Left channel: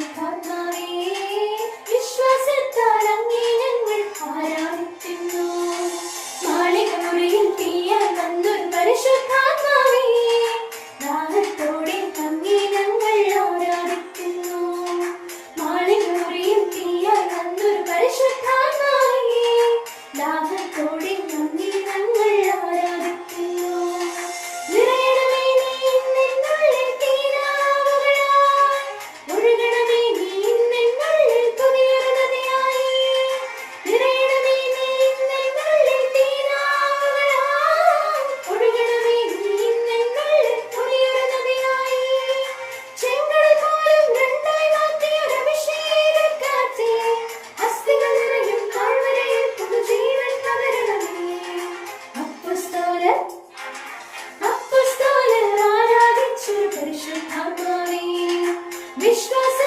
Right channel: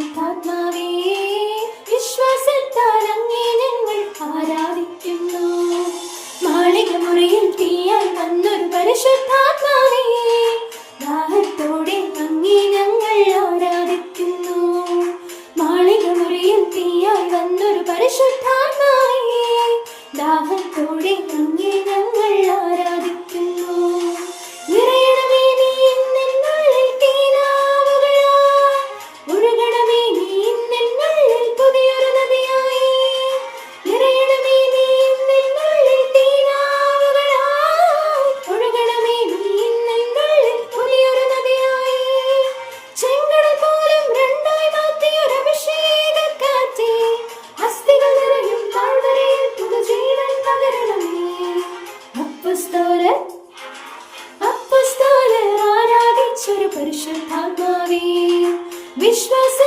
പരിശുദ്ധാത്മാവേ, വിശ്വാസത്താൽ അങ്ങേ ഞങ്ങൾ ആരാധിക്കുന്നു. മാളികമുറിയിൽ തീയായി വന്നൊരു പരിശുദ്ധാത്മാവേ, ദാഹത്തോടെ അങ്ങേ ഞങ്ങൾ ആരാധിക്കുന്നു. മാളികമുറിയിൽ തീയായി വന്നൊരു പരിശുദ്ധാത്മാവേ, ദാഹത്തോടെ അങ്ങേ ഞങ്ങൾ ആരാധിക്കുന്നു. നിറയണമേ നീ എന്നുള്ളിൽ തീനാവുകളായി, ഒഴുകണമേ നീ എന്നുള്ളിൽ പുതിയൊരു നദിയായി. നിറയണമേ നീ എന്നുള്ളിൽ തീനാവുകളായി, ഒഴുകണമേ നീ എന്നുള്ളിൽ പുതിയൊരു നദിയായി. ചെങ്കടൽ പോലും രണ്ടായി മാറ്റിയൊരു അഭിഷേകക്കാറ്റേ, അസ്ഥികൾ നിറയും താഴ്വരയിൽ പുതുജീവൻ പകരണമേ. അപ്പസ്തോലർ ആരാധിച്ചൊരു പരിശുദ്ധാത്മാവേ, വിശ്വാസ